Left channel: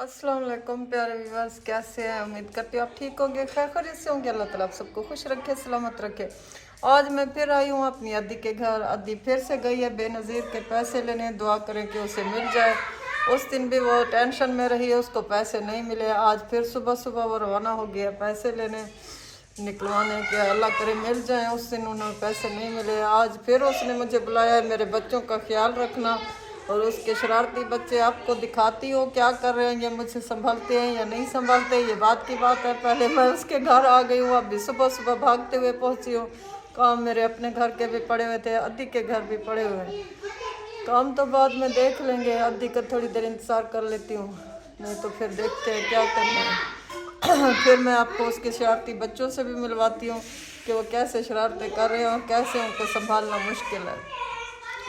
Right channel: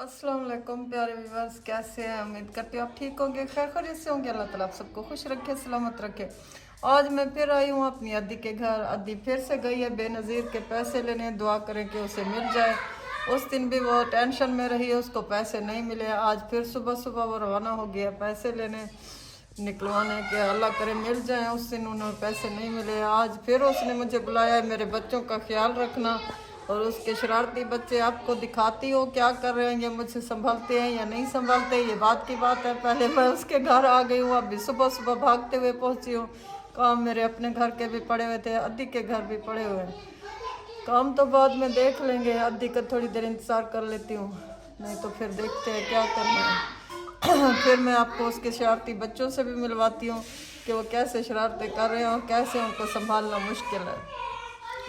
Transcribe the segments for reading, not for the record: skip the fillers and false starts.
अस्सलाम वालेकुम प्यारे व्यूअर्स, कैसे हैं? उम्मीद करती हूँ आप ठीक होंगे, खैरियत से होंगे। अल्लाह ताला आप सबको खुश रखे, सलामत रखे। आज मैं फिर आई हूँ अपनी अद्दी के घर। अद्दी फिर से गई है बेनज़ीर के पैसे लेने। दुआ करें कि उसे मिल जाए। उस दिन भी वो टेंशन में रही है, उसको पैसे नहीं मिले। आज फिर सुबह सुबह वो रवाना हो गया पैसे लेने, निकलवाने के। अल्लाह करे मिल जाए। उस दिन उन्हें पैसे नहीं मिले। आज फिर उसने मुझे बुलाया, मेरे बच्चों का ख्याल रखना। और उसके शरारती बच्चे आपको दिखाती हो क्या कर रहे हैं, ये मुझे संभालते हैं या नहीं संभालते, ये बात की बात है। पहले मैं उसके घर आ गई हूँ, अभी सुबह सुबह भागते हुए पहुँची हूँ। काम मेरे अपने घर के भी पड़े हुए थे, अद्दी के घर भी पड़े हुए हैं। काम तो बाद में देख लेंगे, अद्दी का थोड़ी देर इंतज़ार कर लेती हूँ, नहीं तो फिर देखते हैं क्या करना है। फिर मैं आपको उसके शरारती बच्चों से भी मिलवाती हूँ कि वो कैसे शरारतें कर रहे हैं और कैसे उनको संभालना मुश्किल है।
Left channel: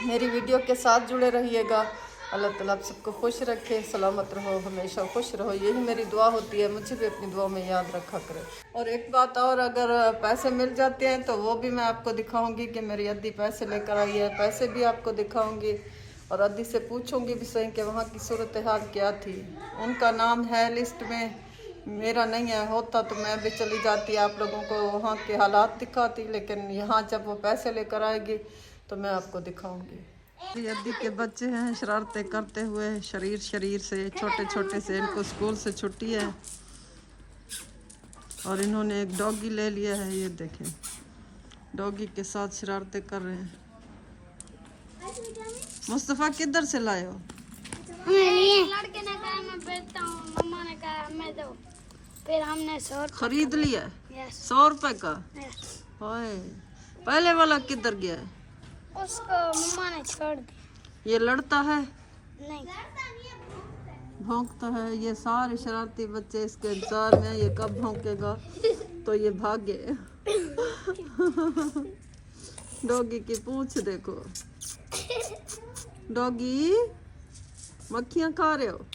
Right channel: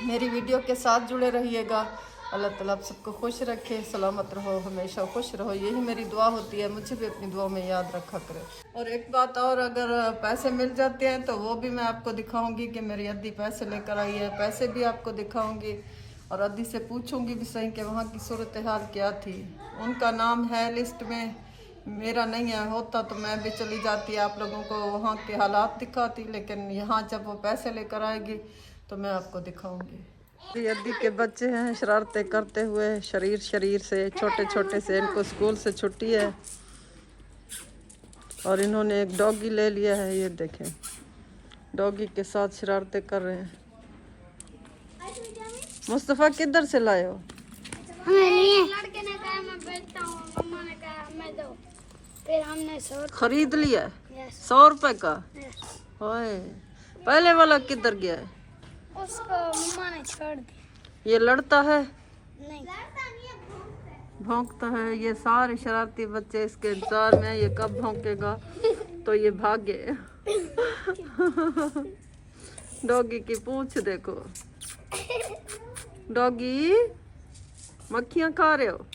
मेरी वीडियो के साथ जुड़े रहिएगा। अल्लाह ताला आप सबको खुश रखे, सलामत रहो, हमेशा खुश रहो, यही मेरी दुआ होती है। मुझे भी अपनी दुआ में याद रखा करें। और एक बात और, अगर पैसे मिल जाते हैं तो वो भी मैं आपको दिखाऊंगी कि मेरी अद्दी पैसे लेकर आई है। पैसे भी आपको दिखाऊंगी और अद्दी से पूछूंगी भी सही कि वहाँ की सूरत हाल क्या थी। उनका नाम है लिस्ट में, मेरा नहीं है। होता तो मैं भी चली जाती, आप लोगों को वहाँ के हालात दिखाती, लेकिन यहाँ जब वो पैसे लेकर आएगी तो मैं आपको दिखाऊंगी। अद्दी के बच्चे हैं शरारतें करते हुए, शरीर से छोटे छोटे से। इनको स्कूल से छुट्टी है और इन्होंने एक डॉगी ले लिया है। ये देखें, डॉगी के साथ शरारतें कर रहे हैं। मुस्तफ़ा किधर से लाए हो? लड़के ने कहा मैं बेचता हूँ, मम्मा ने कहा मैं दो, फिर हमने 100 खरीद लिया? 100 रुपए का? ओए, पहले वाला किधर गया है? उसको मम्मा ने छोड़ दिया। ये लड़ता है? नहीं, भौंकता है। ये सारे शरारती बच्चे इसके इंतजार में, ये कब भौंकेगा तो ये भागे। डॉगी की पूंछ देखो। डॉगी, मक्खियां खा रहे हो?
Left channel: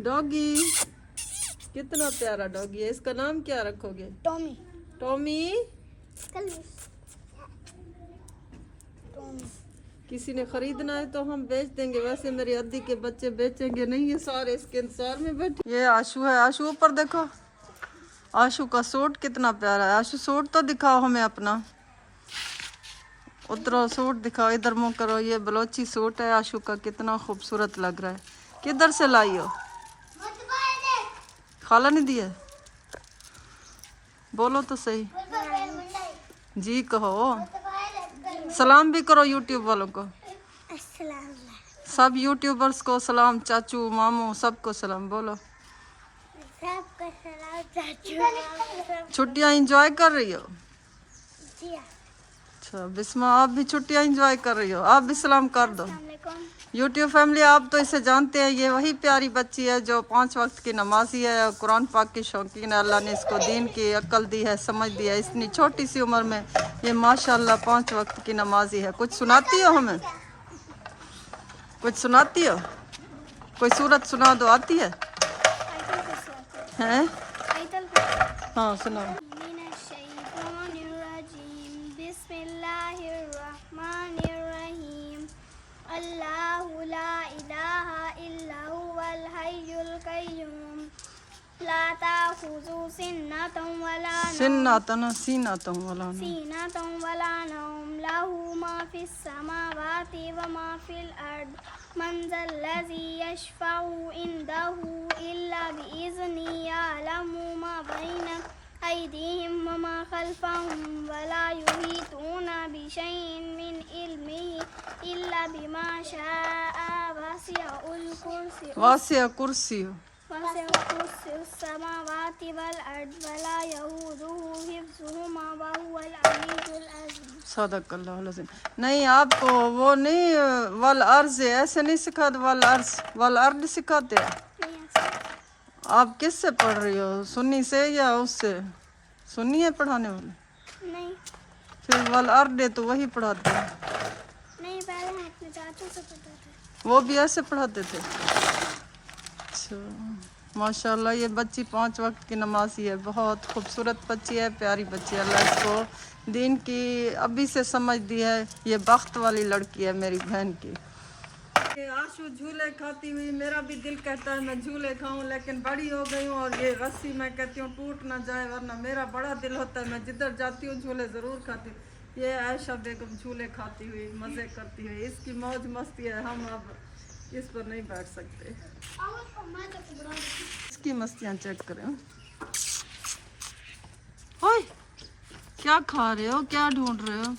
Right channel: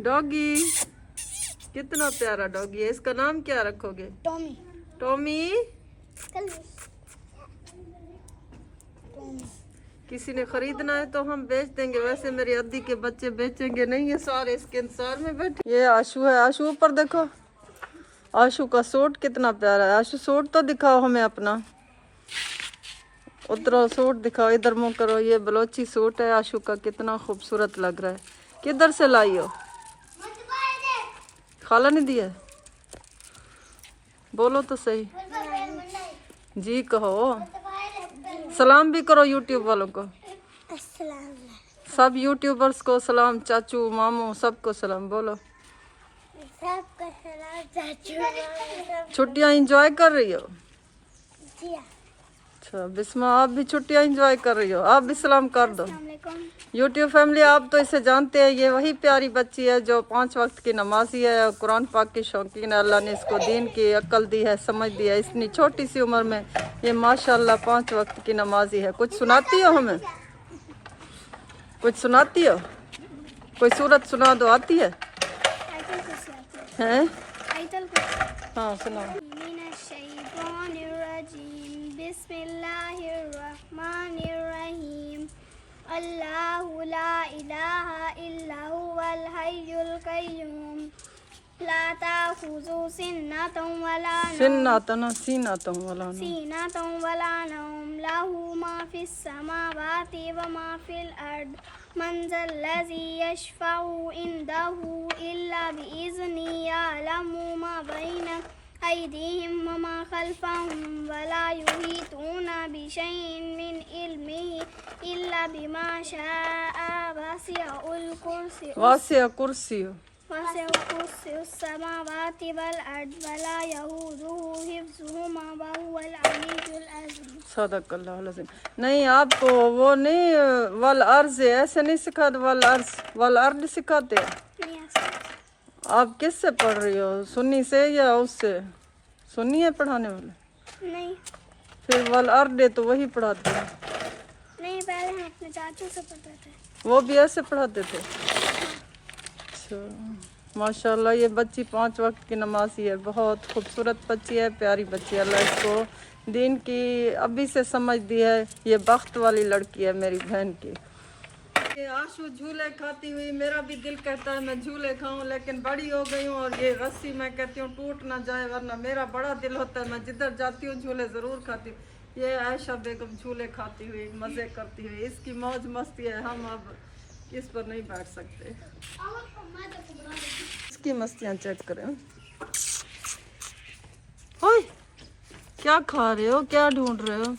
डॉगी कितना प्यारा डॉगी है। इसका नाम क्या रखोगे? टॉमी। टॉमी? किसी ने खरीदना है तो हम बेच देंगे। वैसे मेरी अद्दी के बच्चे बेचेंगे नहीं, ये सारे इसके इंतजार में बैठे। ये आशू है, आशू ऊपर देखो। आशू का सूट कितना प्यारा है। आशू सूट तो दिखाओ हमें अपना, उतरो सूट दिखाओ, इधर मुंह करो। ये बलोची सूट है आशू का, कितना खूबसूरत लग रहा है। किधर से लाई हो? खाला ने दिया? बोलो तो सही, जी कहो। सलाम भी करो यूट्यूब वालों को। सब यूट्यूबर्स को सलाम, चाचू मामू सबको सलाम बोलो। सबको सलाम चाचू। छुट्टियां एंजॉय कर रही हो? जी अच्छा बिस्मा, आप भी छुट्टियां एंजॉय कर रही हो? आप भी सलाम कर दो। यूट्यूब फैमिली, आप तो इसे जानते हैं, ये वही प्यारी बच्ची है जो 5 वक्त की नमाजी है और कुरान पाक की शौकीन है। अल्लाह ने इसको दीन की अक्ल दी है, समझ दी है। इतनी छोटी सी उम्र में ये माशाल्लाह 5 वक्त की नमाजी है। कुछ सुनाती हो हमें? कुछ सुनाती हो? कोई सूरत सुना दो, आती है? हैं? हाँ सुनाओ। बिस्मिल्लाहिर्रहमानिर्रहीम। अल्लाहु ला इलाहा इल्ला हुवल हय्युल कय्यूम। ला ताखुज़ु सिन्नतुन वला नौम। लहू मा फिस समावाति व मा फिल अर्द। मन ज़ल्लज़ी यशफ़उ इंदहु इल्ला बिइज़्निही। यअलमु मा बैना अयदीहिम व मा खल्फ़हुम वला युहीतूना बिशैइन मिन इल्मिही इल्ला बिमा शाअ। वसिअ कुर्सियुहु समावाति वल अर्द वला यऊदुहु हिफ्ज़ुहुमा व हुवल अलीयुल अज़ीम। सदक़ल्लाहुल अज़ीम। नहीं, आपको वो नहीं वल अर्ज़ ऐसे नहीं सिखाते, वल अर्द सिखाते हैं। आप किससे पढ़ रही हो, सुन्नी से या उससे? सुन्नी है पढ़ाने वाले? नहीं। फिर वल अर्द तो वही पढ़ाते हैं। नहीं, पहले हम अपने चाचू से पढ़ते थे, वो भी ऐसे पढ़ाते थे। अच्छा माशाल्लाह, ये बच्ची 5 वक्त की नमाज़ी है। बहुत खूबसूरत बच्ची है, प्यारी बच्ची है। अल्लाह इसको दीन की अभी से समझ दी है। ये बख्त वाली लड़की है मेरी बहन की। ये आशु झूले खाती हुई, मेरा भी दिल कहता है मैं झूले खाऊं, लेकिन बड़ी हो गई हूँ और ये रस्सी मैं कहती हूँ टूट ना जाए, वरना मेरा बड़ा दिल होता है मैं जिधर जाती हूँ झूले ज़रूर खाती हूँ। ये आयशा बेगम झूले खाती हुई मज़े करती हुई, इसकी मौज मस्ती है, हम अब इस पर नहीं बैठ सकते। इसकी मस्तियाँ चेक करें। ओए क्या खा रहे हो, क्या ढूंढ रहे हो?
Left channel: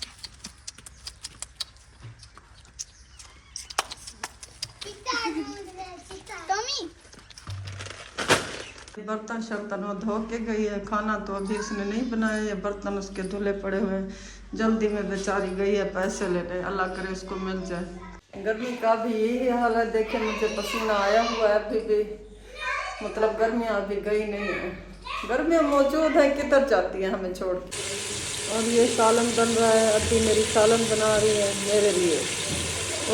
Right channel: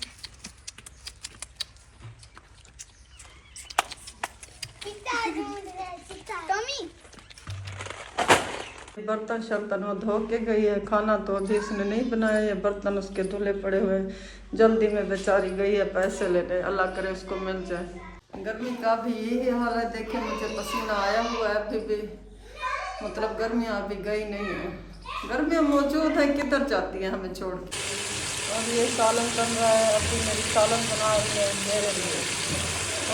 बर्तन शर्तन वो धो के गई है, खाना तो अभी उसने नहीं बनाया, ये बर्तन उसके धुले पड़े हुए हैं। जल्दी में बेचारी गई है पैसे लेने, अल्लाह करे उसको मिल जाए। गर्मी का भी यही हाल है, देखे मुझे पसीना आया हुआ है अभी भी, मतलब गर्मियाँ अभी गई नहीं है, गर्मियाँ मौजूद है, किधर जाती है हमें छोड़ के। और ये सालन बन रहा है, अभी मेरी सालन बना रही है मेरे लिए।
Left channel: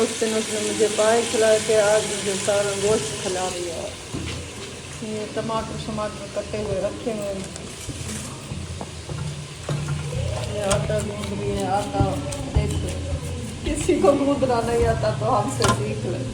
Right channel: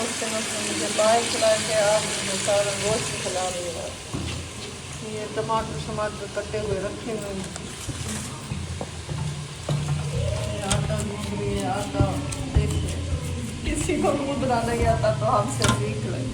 इस समय मुझे बाय खिला के आज मुझे सारा गोश्त खिला रही है। टमाटर कटे हुए रखे हुए हैं, ये आटा गूंद रही है। आटा देखिए, किसी को गूंदना नहीं आता तो हमसे सीख ले।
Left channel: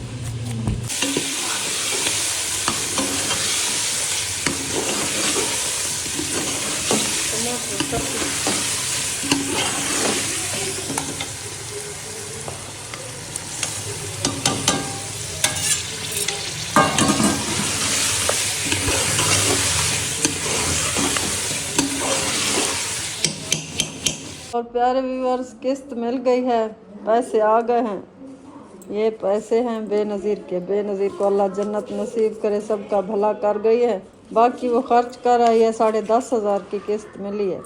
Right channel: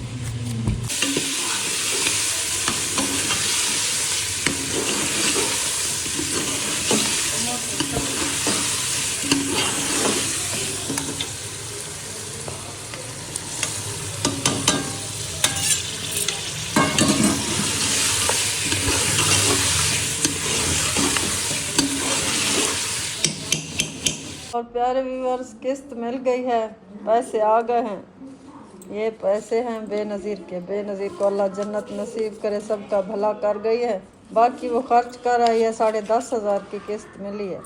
और प्यारे व्यूअर्स, किस्त मिल गई है, पैसे आ गए हैं। ये पैसे हैं बेनज़ीर के, बेनज़ीर को अल्लाह जन्नत नसीब करे, सबका भला कर गई है। बाकी वो खर्च कर आई है, 10,500 की किस्त मिली है।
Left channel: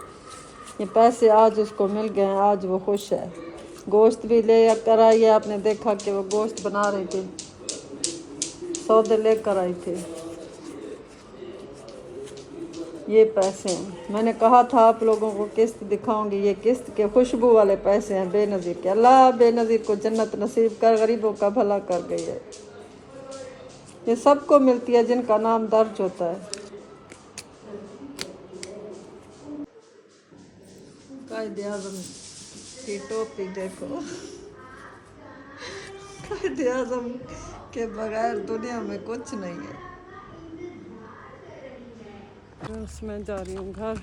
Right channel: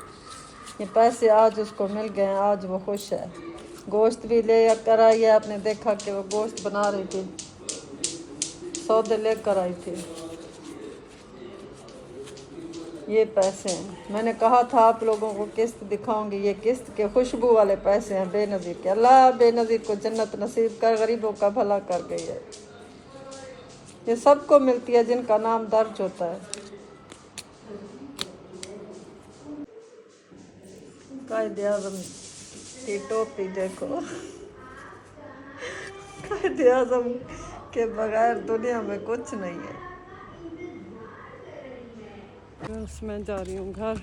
ये पैसे आज उसको मिल गए हैं, आज वो खुश है। गोश्त भी ले कर आई है, आपने देखा कि वो गोश्त बना रही थी, सौदे लेकर आई थी। ये पैसे हैं, मैंने कहा था आप लोगों को किस्त दिखाऊंगी, ये किस्त के खुशबू वाले पैसे हैं बेनज़ीर के। अल्लाह बेनज़ीर को जन्नत नसीब कर, गरीबों का भला कर गई है। ये सबको मिलती है जिनका नाम दर्ज होता है। कायदे आज़म की टोपी देखो, कायदे आज़म के बगैर दुनिया में कुछ नहीं है। मैं जा रही हूँ घर।